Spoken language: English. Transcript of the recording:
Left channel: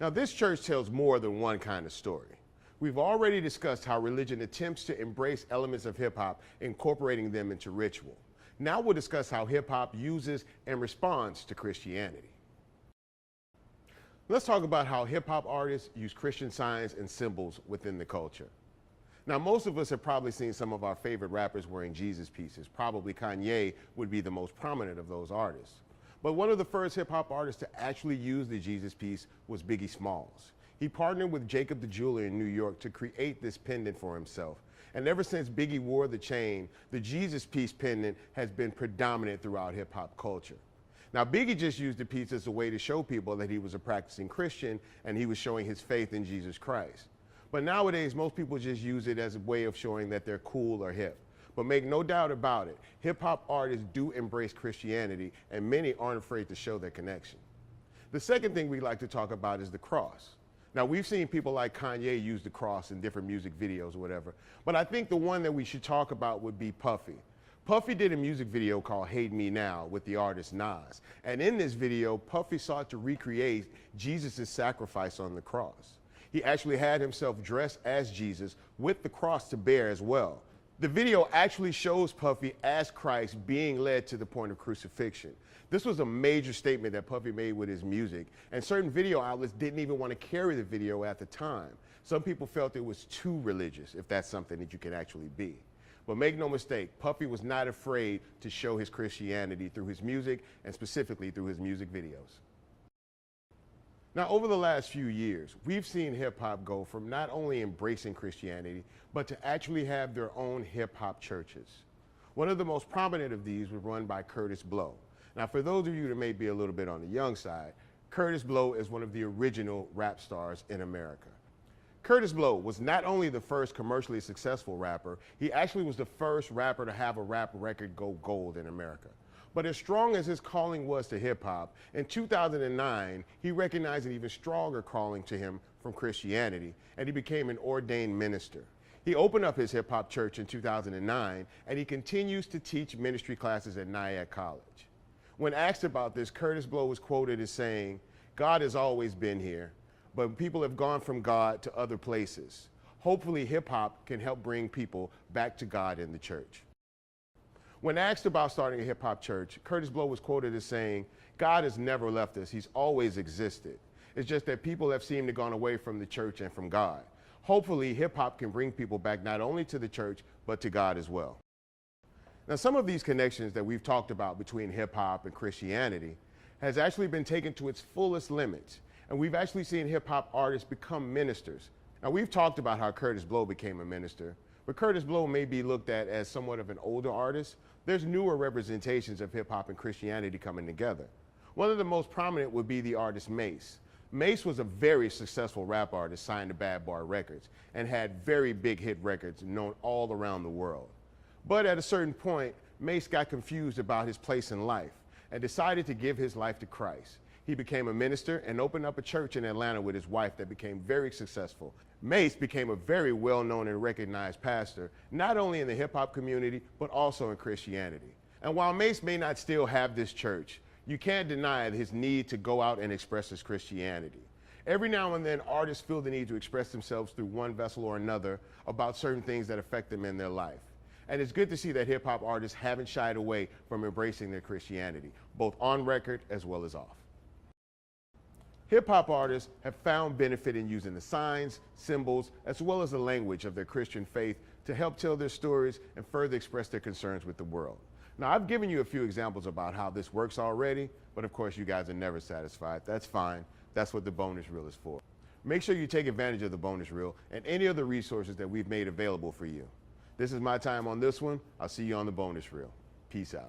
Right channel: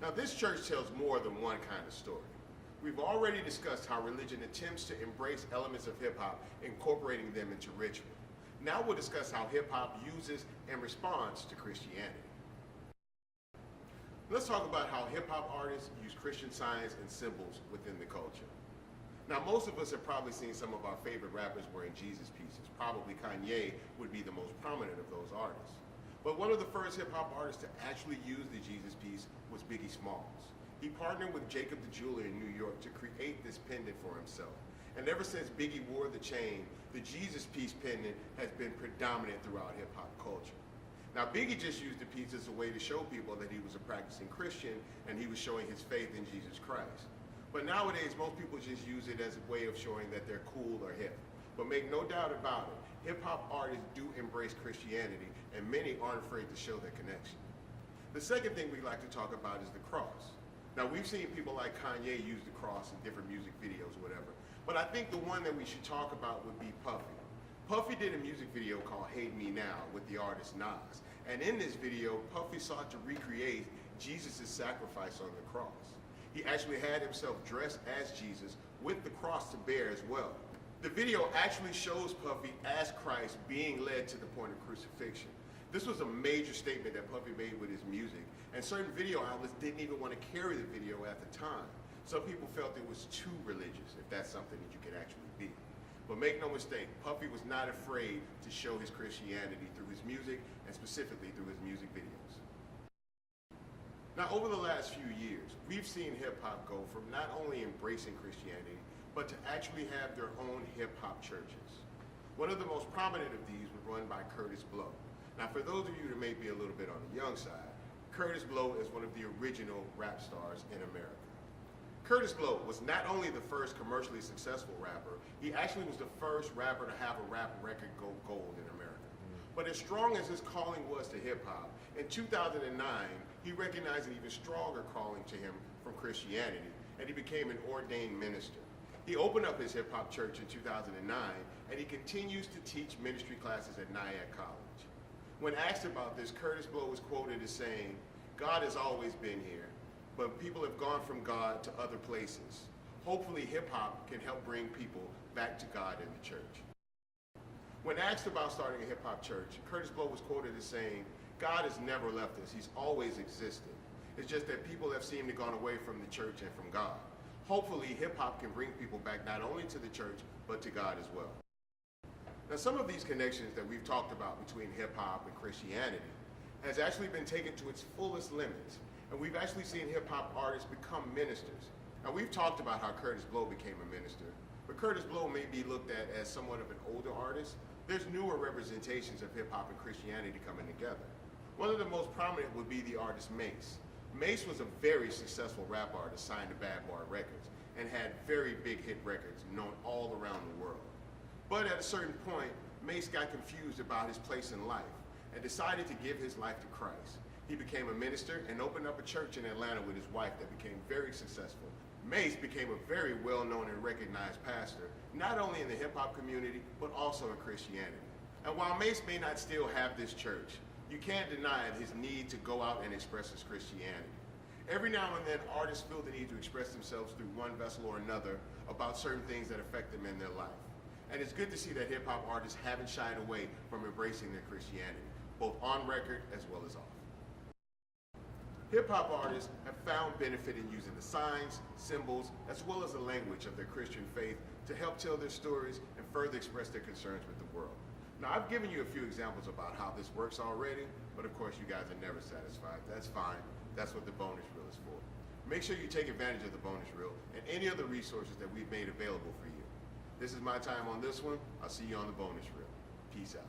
Now, this church tells more than one kind of story. We've already discussed how religion attempts to embrace elements of hip hop, incorporating them into ritual. Now we'll discuss how hip hop uses and responds to Christianity. Let's talk about how hip hop artists use Christian signs and symbols within the culture. Now, most of us have probably seen some of our favorite rappers wearing Jesus pieces. Probably Kanye would be the most prominent of those artists. But one of the first hip hop artists to actually use the Jesus piece was Biggie Smalls. He partnered with Jacob the Jeweler in New York to create this pendant for himself. And ever since Biggie wore the chain, the Jesus piece pendant has been predominant throughout hip hop culture. Now, Biggie just used the piece as a way to show people that he was a practicing Christian and he was showing his faith in Jesus Christ. But nowadays, most people just use it as a way of showing that they're cool or hip. But make no doubt about it, hip hop artists do embrace Christianity, and many aren't afraid to show their connection. The second thing we like to talk about is the cross. Now, we've seen people like Kanye use the cross in different music videos or whatever, but I think the one that we should talk about would be Puffy. Puffy did a music video called Hate Me Now with the artist Nas, and in this video, Puffy sought to recreate Jesus' sacrifice on the cross. He actually had himself dressed as Jesus with the cross to bear as well. The video actually shows Puffy as Christ being led to the point of crucifixion. This was a major statement that Puffy made with his music, and certain video outlets didn't even want to carry the video at the time. Some people felt it was too religious, if that's something that you could actually be. But make no mistake, Puffy was not afraid to show his Christianity through his music, and specifically through his music videos. Now, over the last few years, we've seen hip-hop go from not only embracing Christianity, but to actually have their own hip-hop churches. One of the most prominent of these was run by Kurtis Blow. Now, for those of you that may be a little bit on the young side, Kurtis Blow is one of the original rap stars in America. Kurtis Blow was not only the first commercially successful rapper, he actually was the first rapper to have a rap record go gold in America. But as strong as his calling was to hip-hop, in 2009, he recognized an even stronger calling to him from Christianity, and he became an ordained minister. He opened up his hip-hop church in 2009, and he continues to teach ministry classes at Nyack College. When asked about this, Kurtis Blow was quoted as saying, "God has always been here, but people have gone from God to other places. Hopefully, hip-hop can help bring people back to God in the church." When asked about starting a hip-hop church, Kurtis Blow was quoted as saying, "God has never left us. He's always existed. It's just that people have seemed to gone away from the church and from God. Hopefully, hip-hop can bring people back not only to the church, but to God as well." Now, some of these connections that we've talked about between hip-hop and Christianity has actually been taken to its fullest limits, and we've actually seen hip-hop artists become ministers. Now, we've talked about how Kurtis Blow became a minister, but Kurtis Blow may be looked at as somewhat of an older artist. There's newer representations of hip-hop and Christianity coming together. One of the most prominent would be the artist Mase. Mase was a very successful rap artist signed to Bad Bar Records and had very big hit records known all around the world. But at a certain point, Mase got confused about his place in life and decided to give his life to Christ. He became a minister and opened up a church in Atlanta with his wife that became very successful. Mase became a very well-known and recognized pastor, not only in the hip-hop community, but also in Christianity. And while Mase may not still have this church, you can't deny his need to go out and express his Christianity. Every now and then, artists feel the need to express themselves through one vessel or another about certain things that affect them in their life. And it's good to see that hip-hop artists haven't shied away from embracing their Christianity, both on record as well as off. Hip-hop artists have found benefit in using the signs, symbols, as well as the language of their Christian faith to help tell their stories and further express their concerns with the world. Now, I've given you a few examples about how this works already, but of course you guys are never satisfied. That's fine. That's what the bonus reel is for. Make sure you take advantage of the bonus reel and any other resources that we've made available for you. This is my time on this one. I'll see you on the bonus reel. Peace out.